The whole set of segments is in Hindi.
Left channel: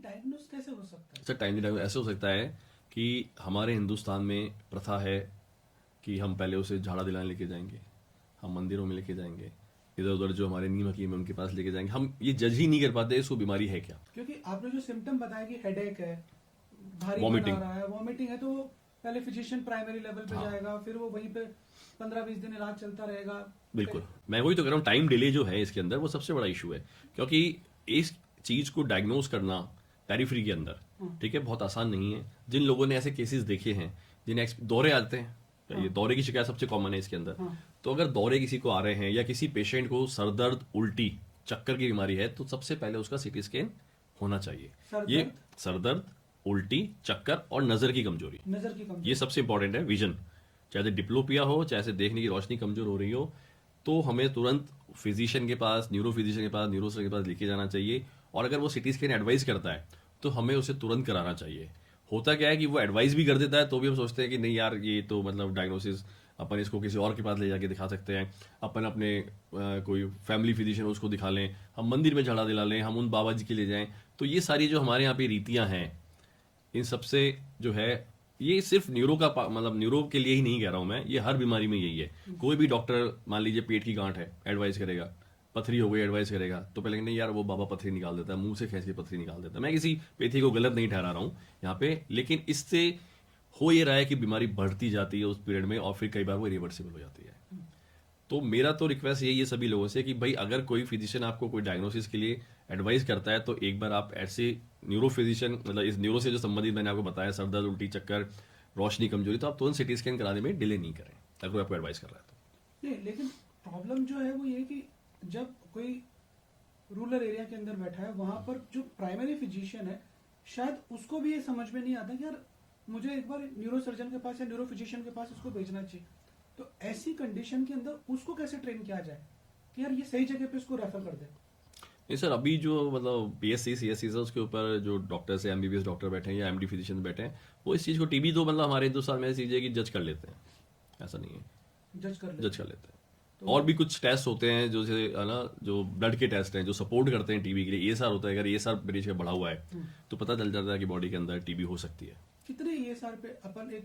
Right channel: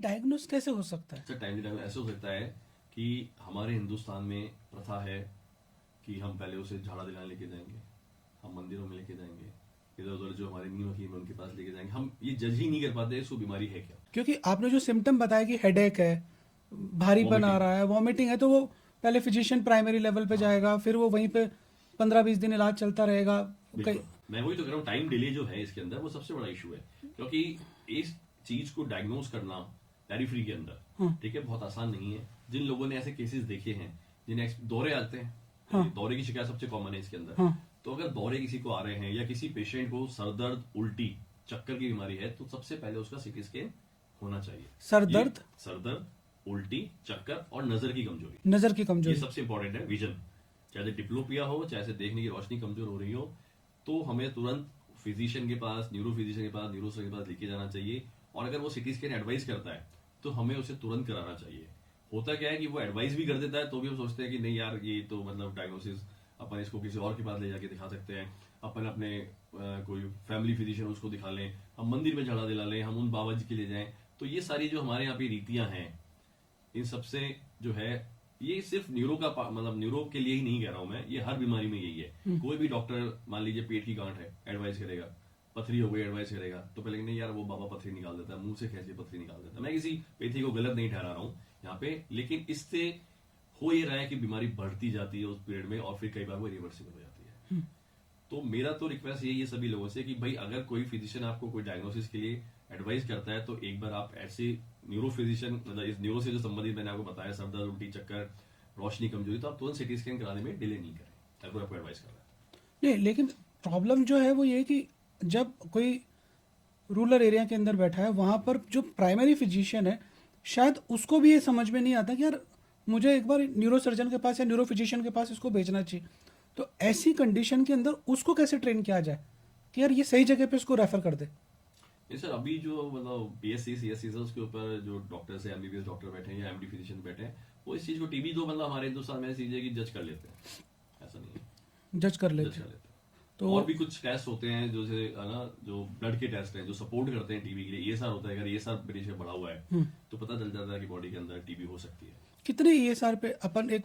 डायग्नोस कैसे हो सकता है? अच्छा, टाइमली डायग्नोस ऐसे हो सकता है कि हमारे हिंदुस्तान में प्रथा है कि हम पहले उसे झाड़ा दिलाने लेके जाएंगे, हम मंदिरों में लेके जाएंगे, इधर उधर जो हमारे नीम हकीम है उनके पास लेके जाएंगे। हम ये जज ही नहीं कर पाते इसको बीमारी है क्या। क्योंकि आपने जो सिम्टम बताया कि हेडेक है, भारीपन आ वॉमिटिंग। रहा है, वॉमिटिंग है, तो वो पहले फिजिशियन प्राइमरी लेवल पे हाँ, जाएगा, फिर वो वहीं पे 15-20 दिन इलाज चलता रहेगा। कई बिल्कुल। मैं वही तो कह रहा हूँ, टाइम डिले जो है इसके अंदर वो सबसे बड़ा इशू है। क्योंकि इस चीज को डायग्नोस करना पेरिफेरी के अंदर, हाँ, ठीक है, बहुत आसान नहीं है। जिन लोगों ने ऐसे केसेस देखे हैं, जिन्हें दौरे आते हैं, हाँ, ये दौरे की शिकायत सबसे कॉमन है इसके अंदर। हाँ। तो अगर दौरे किसी को आ रहे हैं या किसी पेशेंट को सर दर्द, उल्टी, चक्कर की बीमारी है, तो सबसे पहले उसका सीटी स्कैन होना चाहिए। सर ये दर्द, सर दर्द, उल्टी, चक्कर और नजर की कमजोरी, नज़र की ये कमजोरी। सबसे इंपॉर्टेंट है। विजन, चाहे डिप्लोपिया हो, चाहे से देखने की रोशनी कमजोर हो रही हो, तो हमें तुरंत फिजिशियन के पास, न्यूरो फिजिशियन के पास, न्यूरो सर्जन के पास लेके जाना चाहिए। और अगर वो सिटी स्कैन एडवाइस करता है तो हमें उसे तुरंत कराना चाहिए। होता क्या है कि वो एडवाइस भी कर देता है तो भी हम सोचते हैं कि नहीं यार, ये तो मतलब डायग्नोसिस अपन इसको किसी और के पास ले जाके दिखा सकते हैं, अपन अपने कोई फैमिली फिजिशियन उसको दिखा लें, हम मंदिर में झाड़ा दिला लें, हम उन बाबा जी के ले जाएं। तो ये सारी जो हमारे यहाँ पे रीतियां हैं, इन सबसे जो है, ये सिर्फ न्यूरो का मतलब न्यूरो के लिए ही नहीं कह रहा हूं मैं, ये हर बीमारी में यही है। कोई भी डॉक्टर, मान लीजिए पेट की गांठ है, एडवाइस करेगा, पथरी हो गई एडवाइस करेगा, तो पहले नहीं यार वो बाबा पथरी निकाल देता है, मुंह से खींच के पथरी निकाल देता है। मैं किसी पेथी को गलत नहीं ठहरा रहा हूं यहाँ पे, लेकिन इससे हो ये रहा है कि बीमारी बढ़ती जाती है उस पीरियड में, और फिर कई बार वो रिवर्सिबल हो जाती है। तो मेरा तो रिक्वेस्ट यही है सभी लोगों से कि भाई अगर कोई फिजिशियन आपको कोई डायग्नोसिस के लिए एडवाइस करता है तो एक बार आप ऐसे न्यूरो फिजिशियन, मतलब इस न्यूरो से जो संबंधित मैंने आपको बताया, सर दर्द, उल्टी, चक्कर, रोशनी कमजोरी, तो आप तुरंत सिटी स्कैन कराने में डिले नहीं करें अगर कोई आपको एडवाइस कर रहा है नहीं, लेकिन प्रॉब्लम जो है वो ये है कि जब कोई रूरल एरिया के अंदर बैठा है, वहाँ पर जो प्राइमरी फिजिशियन है, शायद उसको भी ये समझ में नहीं आता कि यार मुझे एक बार न्यूरो सर्जन के पास या न्यूरो फिजिशियन के पास इसको भेजना चाहिए। तो ऐसी कंडीशन के अंदर उसको कैसे ट्रेन किया जाए कि यार ये सही जगह पे इसको रेफर कर दे? नहीं सर, अभी जो मतलब बीएससी सीएससी है उसके ऊपर जो डॉक्टर्स है, एमबीबीएस डॉक्टर बैठे हैं या एमडी फिजिशियन बैठे हैं, वो इस चीज को, टीबी तो मतलब हमारे हिंदुस्तान में ऐसी चीज है कि जज कर लेते हैं, ऐसा नहीं है, जज कर जज लेते कर हैं। लेते हैं। तो और भी कुछ टेस्ट होते हैं जो जैसे है ना, जो ब्लड के टेस्ट हैं जो सपोर्ट करते हैं टीबी के लिए, ईएसआर होता है। अगर ईएसआर मेरे से बढ़ा हुआ है तो पता चल जाता है कि बॉडी के अंदर टीबी हो सकती है। कितने ईएसआर पे अपन एक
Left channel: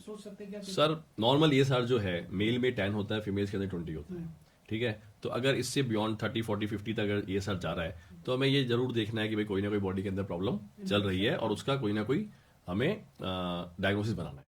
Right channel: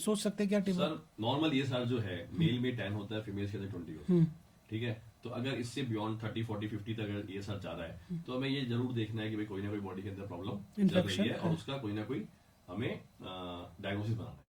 सोच सकते हैं क्या टीम? सर नॉर्मल ईएसआर जो है मेल में 10 होता है, फीमेल्स के अंदर 20 होता है, ठीक है। तो अगर इससे बियॉन्ड 30 40 50 तक अगर ईएसआर जा रहा है तो हमें ये जरूर देखना है कि भाई कोई ना कोई बॉडी के अंदर प्रॉब्लम चल रही इन्फेक्शन, है, और हाँ। उसका कोई ना कोई हमें डायग्नोसिस बनाना है।